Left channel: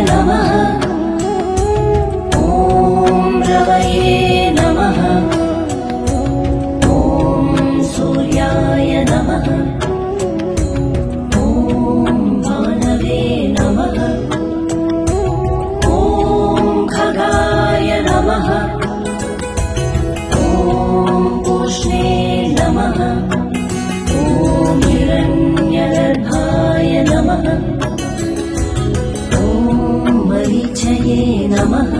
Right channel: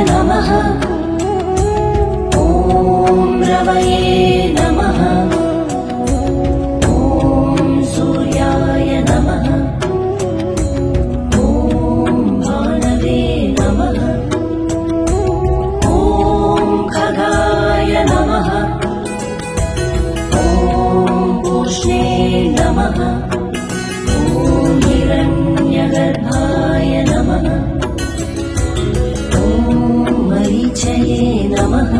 नमः। ॐ रवये नमः। ॐ सूर्याय नमः। ॐ भानवे नमः। ॐ खगाय नमः। ॐ पूष्णे नमः। ॐ हिरण्यगर्भाय नमः। ॐ मरीचये नमः।